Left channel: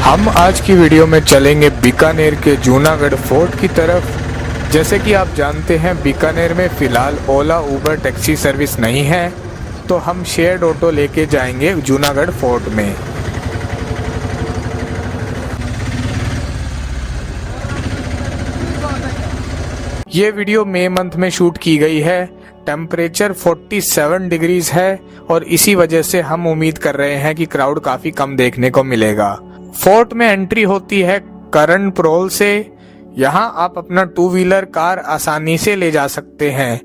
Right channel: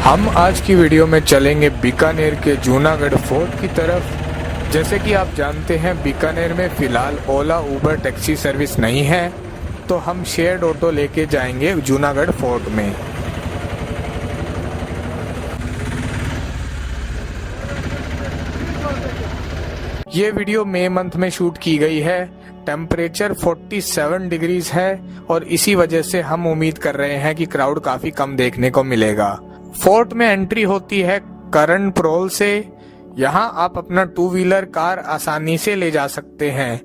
हम आज की वीडियो में चलेंगे बीकानेर के जूनागढ़ फोर्ट की तरफ। जैसे कि आप जानते हैं बीकानेर में फ़िलहाल ओला उबर टैक्सी सर्विस नहीं है, तो हम शेयर्ड ऑटो लेके जाएंगे जूनागढ़ फोर्ट में। ये वीडियो मई मंथ में शूट की गई है। टेम्परेचर 47 डिग्रीज है और इसी वजह से हम उम्मीद कर रहे हैं कि क्राउड काफ़ी कम देखने को मिलेगा। फोर्ट में एंट्री होती है करण प्रोल से। यहाँ आप अपना टू व्हीलर कार आसानी से ले जा सकते हैं।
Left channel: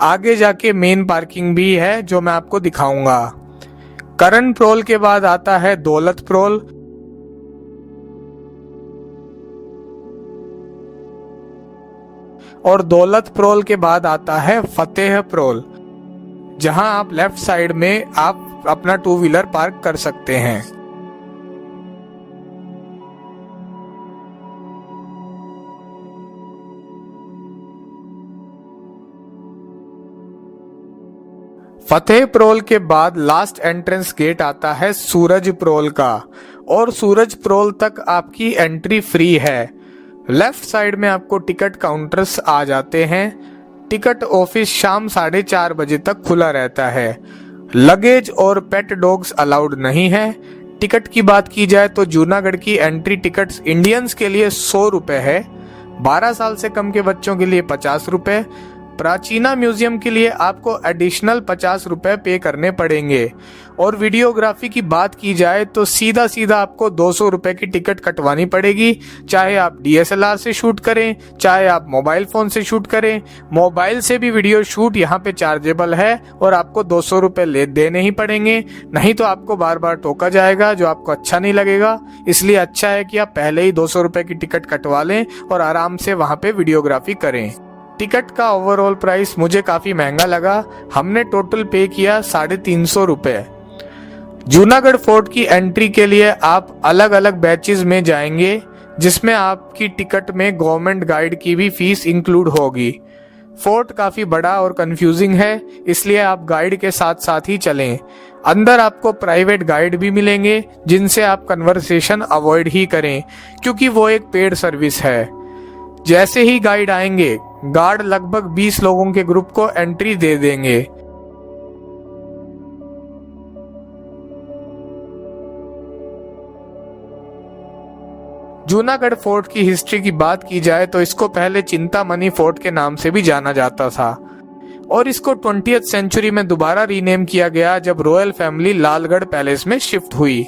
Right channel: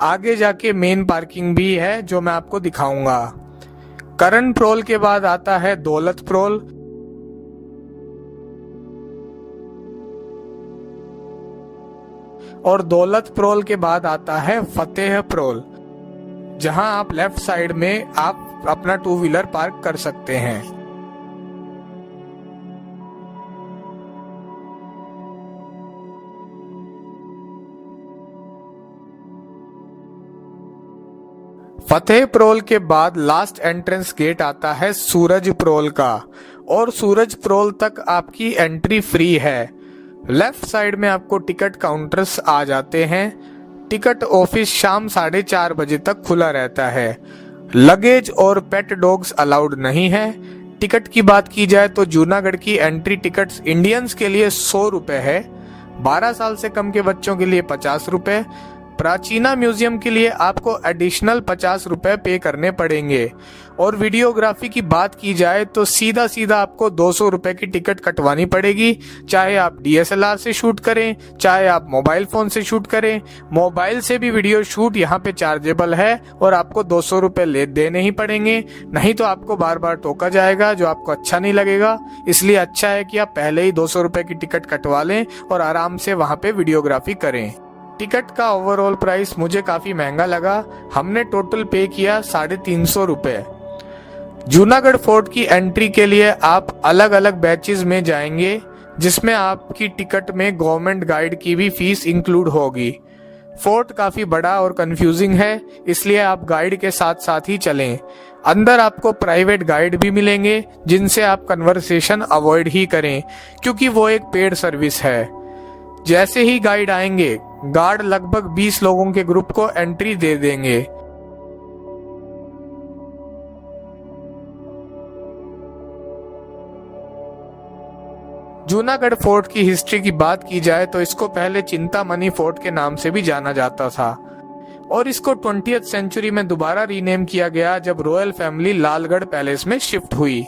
आगे जाके मेन पार्किंग भी है जो मैं आपको दिखाऊंगा। करण प्रोल के बाद आता है दौलत प्रोल और दौलत प्रोल के बाद आता है फतेह प्रोल, जहां आप लेफ्ट साइड में आप अपना टू व्हीलर पार्क कर सकते हैं। फतेह प्रोल के बाद लास्ट एंट्रेंस गेट आता है सूरज प्रोल का, और सूरज प्रोल तक आपकी एंट्री फ्री है। लेफ्ट साइड में आपको टिकट काउंटर्स आ जाते हैं। टिकट ऑफिस शाम 4:30 बजे तक खुला रहता है। लगेज और पेट डॉग्स अलाउड नहीं है। टिकट की बात की जाए तो जूनागढ़ की एंट्री टिकट्स इंडियंस के लिए 100 रुपए है, 12 साल से कम के बच्चों के लिए 50 रुपए। प्राचीना म्यूजियम के लिए आपको एडिशनल 50 रुपए पे करने पड़ेंगे। और वीडियोग्राफी की बात की जाए तो सीधा सीधा आपको 200 रुपए की टिकट कटवानी पड़ेगी, चाहे आप डीएसएलआर से शूट करें, चाहे आप मोबाइल फोन से शूट करें। मोबाइल से भी वीडियो शूट यहाँ पे चार्जेबल है और आपको 200 रुपए ले देने ही पड़ेंगे, नहीं तो आपको बार बार टोका जाएगा जो आपको अच्छा नहीं लगेगा। इसलिए अच्छा है कि आप पहले ही 200 रुपए की टिकट कटवा लें और आराम से वहाँ पे वीडियोग्राफी करें। टिकट का ओवरऑल प्राइस मुझे काफ़ी महंगा लगा। हमने टोटल पे किया 350 रुपये। जूनागढ़ फोर्ट की एंट्री के लिए आप अलग अलग बैचेस में जाएंगे, जिसमें आपकी टिकट में गवर्नमेंट गाइड की भी फीस इंक्लूड होगी। फोर्ट काफ़ी बड़ा और कंफ्यूजिंग है, इसलिए आप गाइड के साथ साथ ही चलें। अंदर आपको प्राइवेट गाइड भी मिलेंगे जिनसे आप कन्वर्सेशन अवॉइड ही करें, क्योंकि वो एक पेड सर्विस है। जैसे ही गाइड आएंगे, गार्ड लगभग 20 लोगों के ग्रुप को एंट्री दे देंगे। जूनागढ़ फोर्ट की हिस्ट्री की बात की जाए तो इसको पहले चिंतामणि फोर्ट के नाम से भी जाना जाता था, और इसको 20वीं सेंचुरी में दोबारा रीनेम किया गया जब रॉयल फैमिली लालगढ़ पैलेस में शिफ्ट हुई।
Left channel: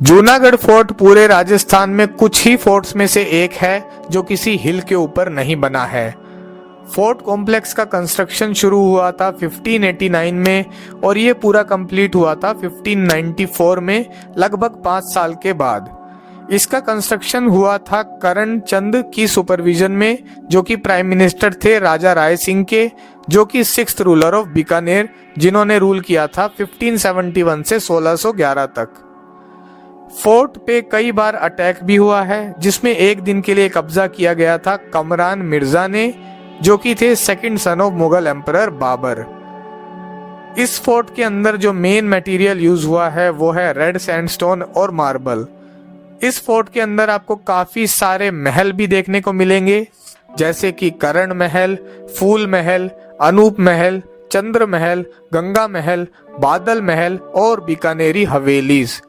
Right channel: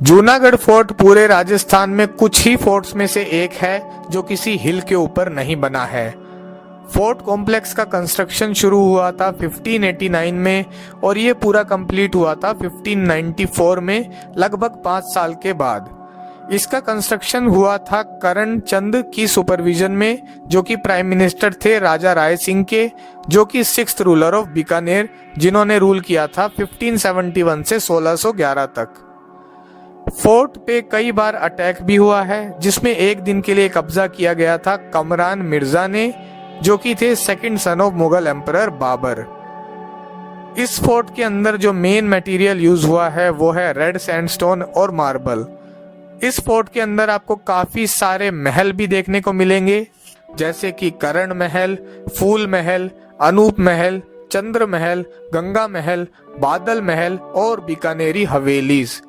जूनागढ़ फोर्ट पूरे राजस्थान में कुछ ही फोर्ट्स में से एक है जो किसी हिल के ऊपर नहीं बना है। फोर्ट कॉम्प्लेक्स का कंस्ट्रक्शन शुरू हुआ था 1589 में और ये पूरा कंप्लीट हुआ था 1594 में, लगभग 5 साल के बाद। इसका कंस्ट्रक्शन हुआ था करण चंद की सुपरविजन में, जो कि प्राइम मिनिस्टर थे राजा राय सिंह के, जो कि 6th रूलर ऑफ बीकानेर, जिन्होंने रूल किया था 1571 से 1611 तक। फोर्ट पे कई बार अटैक भी हुआ है, जिसमें एक दिन के लिए कब्जा किया गया था कमरान मिर्जा ने, जो कि थे second son of Mughal emperor Babur. इस फोर्ट के अंदर जो मेन मटेरियल यूज हुआ है वो है रेड सैंडस्टोन और मार्बल। इस फोर्ट के अंदर आपको काफी सारे महल भी देखने को मिलेंगे, जैसे कि करण महल, फूल महल, अनूप महल, चंद्र महल, गंगा महल, बादल महल और बीकानेरी हवेलीज।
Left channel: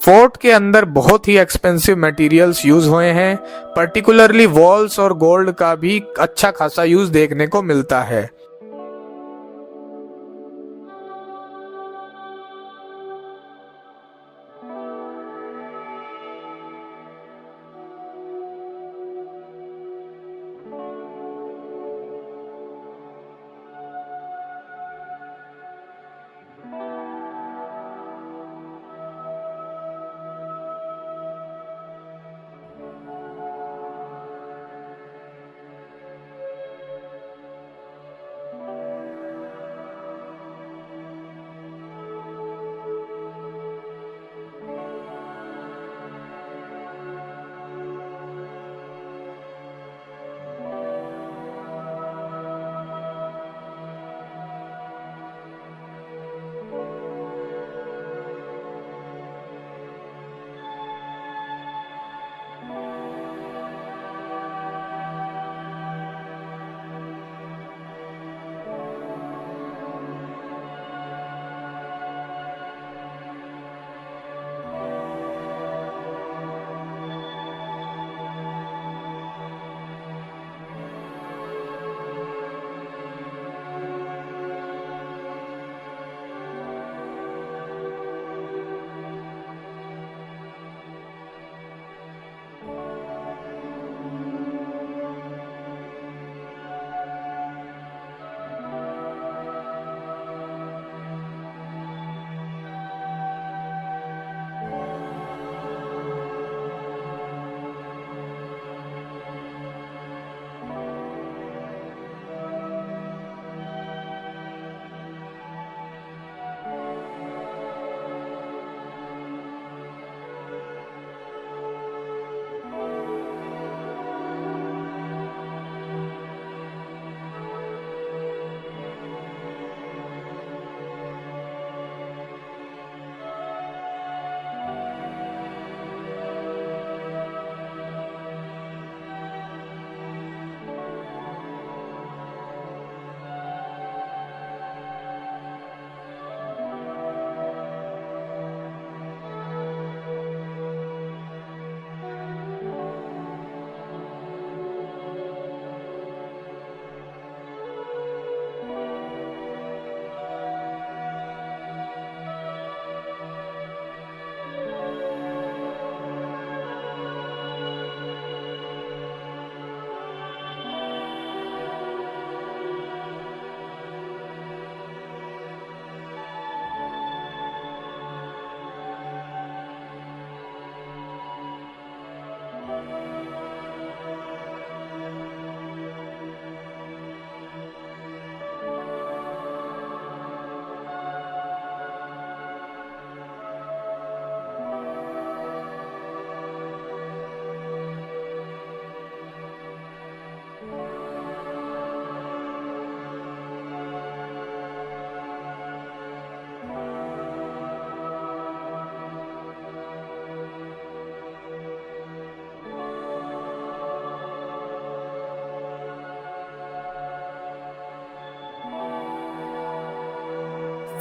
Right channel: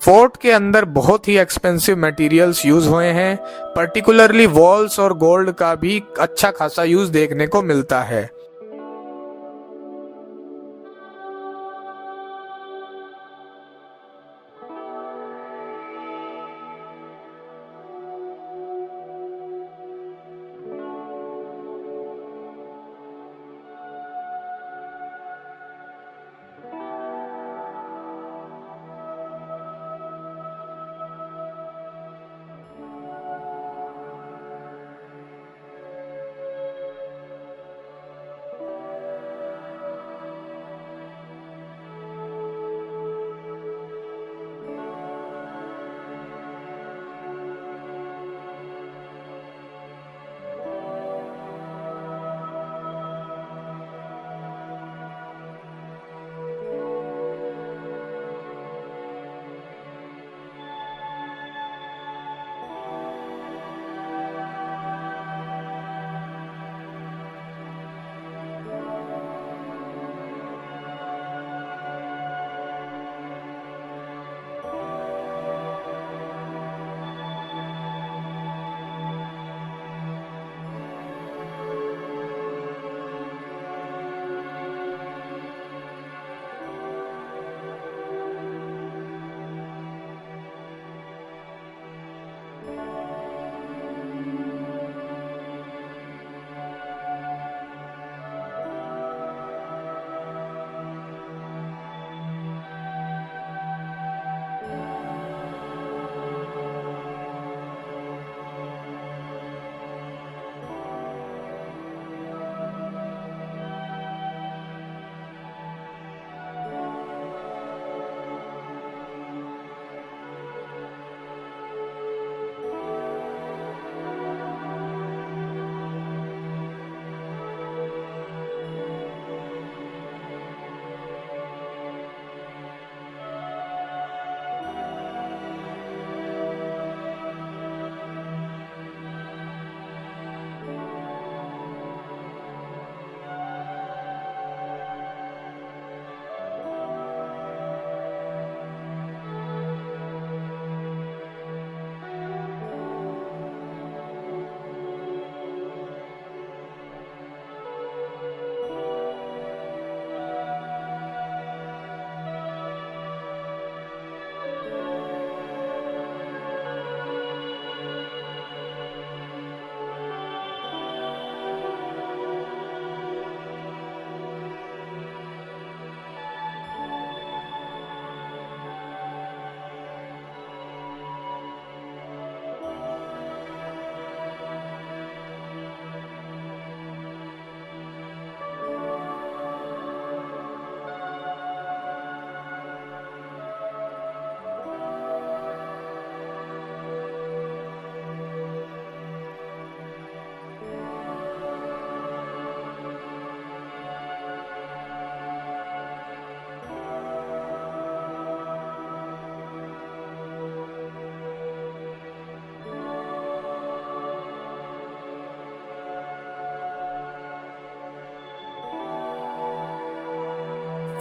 फोर्ट के अंदर बहुत ही एक्सपेंसिव मटेरियल्स यूज हुए हैं, पर्टिकुलरली वॉल्स और गोल्ड का भी अच्छा खासा यूज देखने को मिलता है।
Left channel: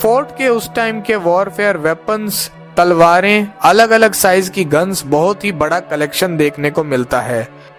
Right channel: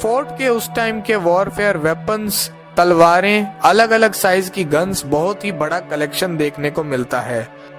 फोर्ट के उस टाइम के वॉरफेयर वेपन्स, तलवारें, अलग अलग साइज की गन्स, बहुत ही बड़ा कलेक्शन देखने को मिलता है।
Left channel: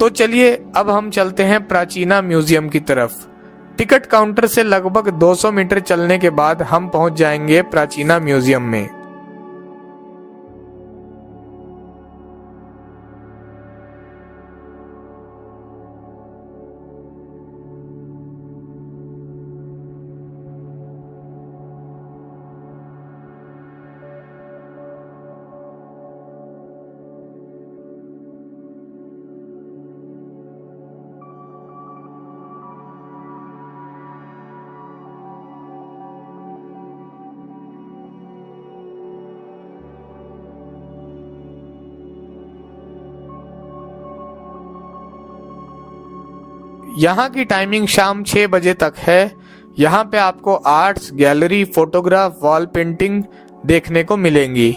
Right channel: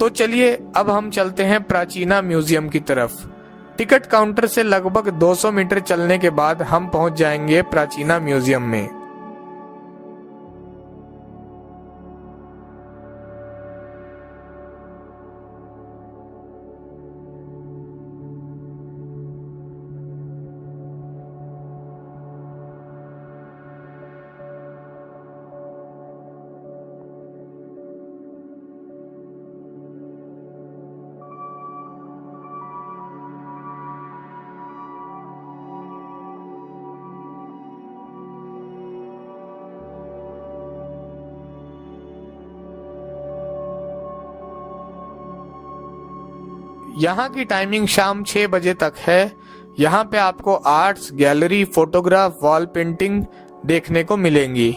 तो चलिए अब हम चलते हैं प्राचीना म्यूजियम की तरफ। टिकट काउंटर से लगभग 200 मीटर चलने के बाद हम पहुंच जाएंगे प्राचीना म्यूजियम में। यहाँ की टाइमिंग शाम 6 बजे तक है। यहाँ पे आपको arts gallery, photograph, wall painting देखने को मिलेंगी।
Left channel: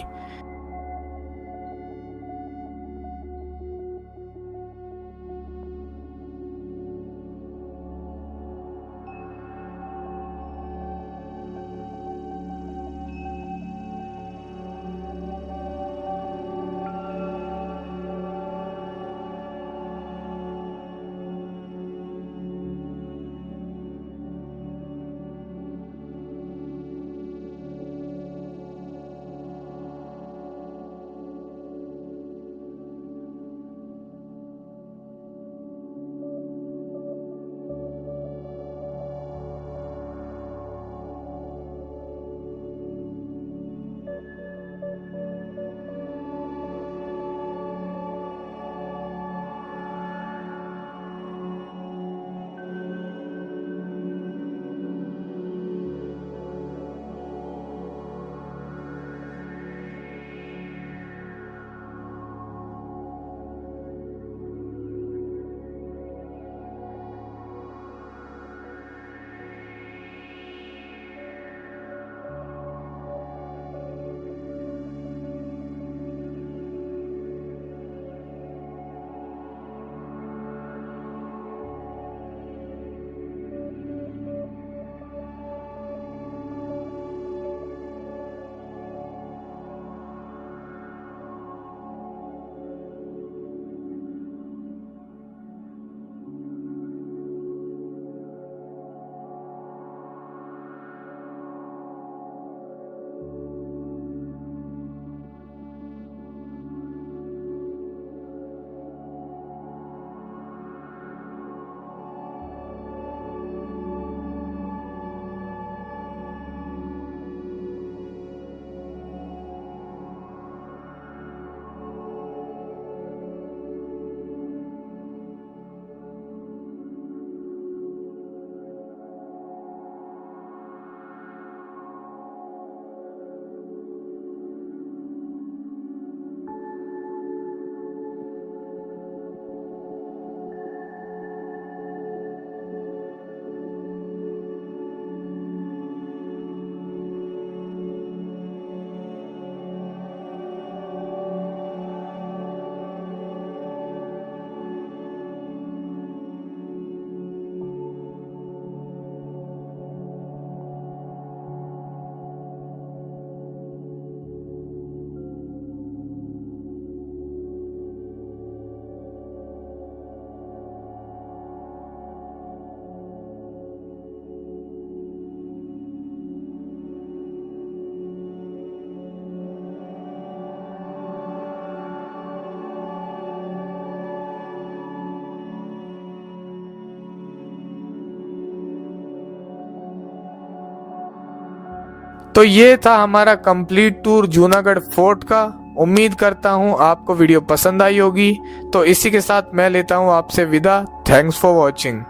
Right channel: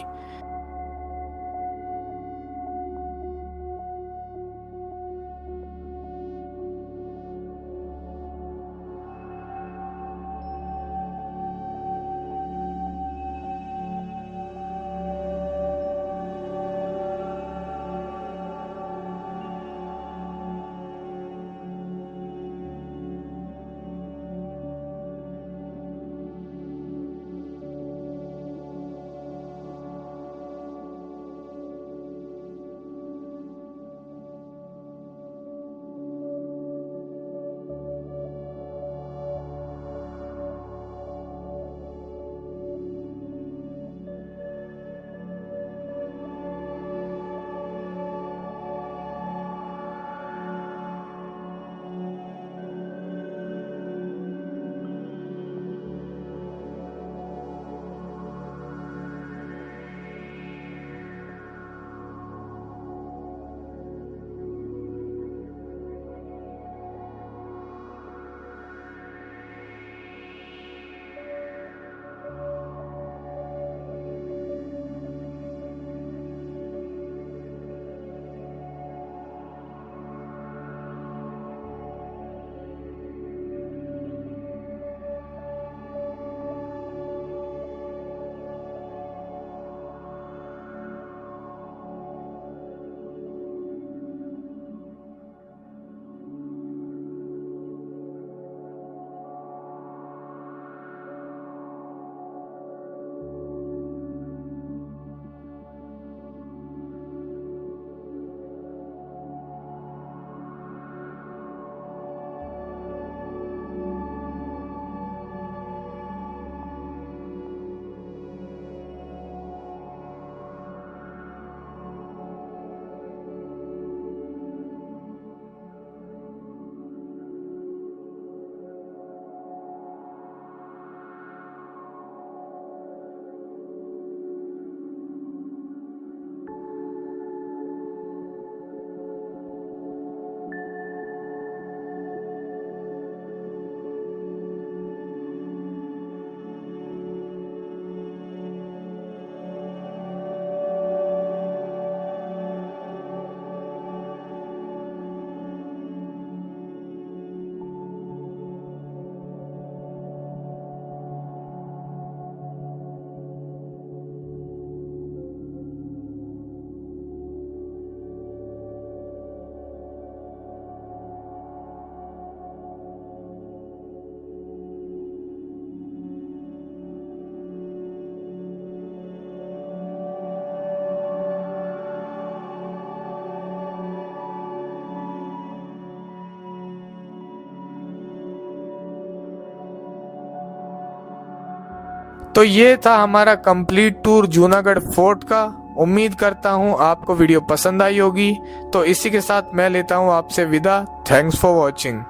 तो ये था हमारा कंप्लीट टूर जूनागढ़ फोर्ट का। उम्मीद करता हूँ आपको वीडियो पसंद आई होगी। तो इसी के साथ मैं लेता हूँ आपसे विदा। Thanks for watching.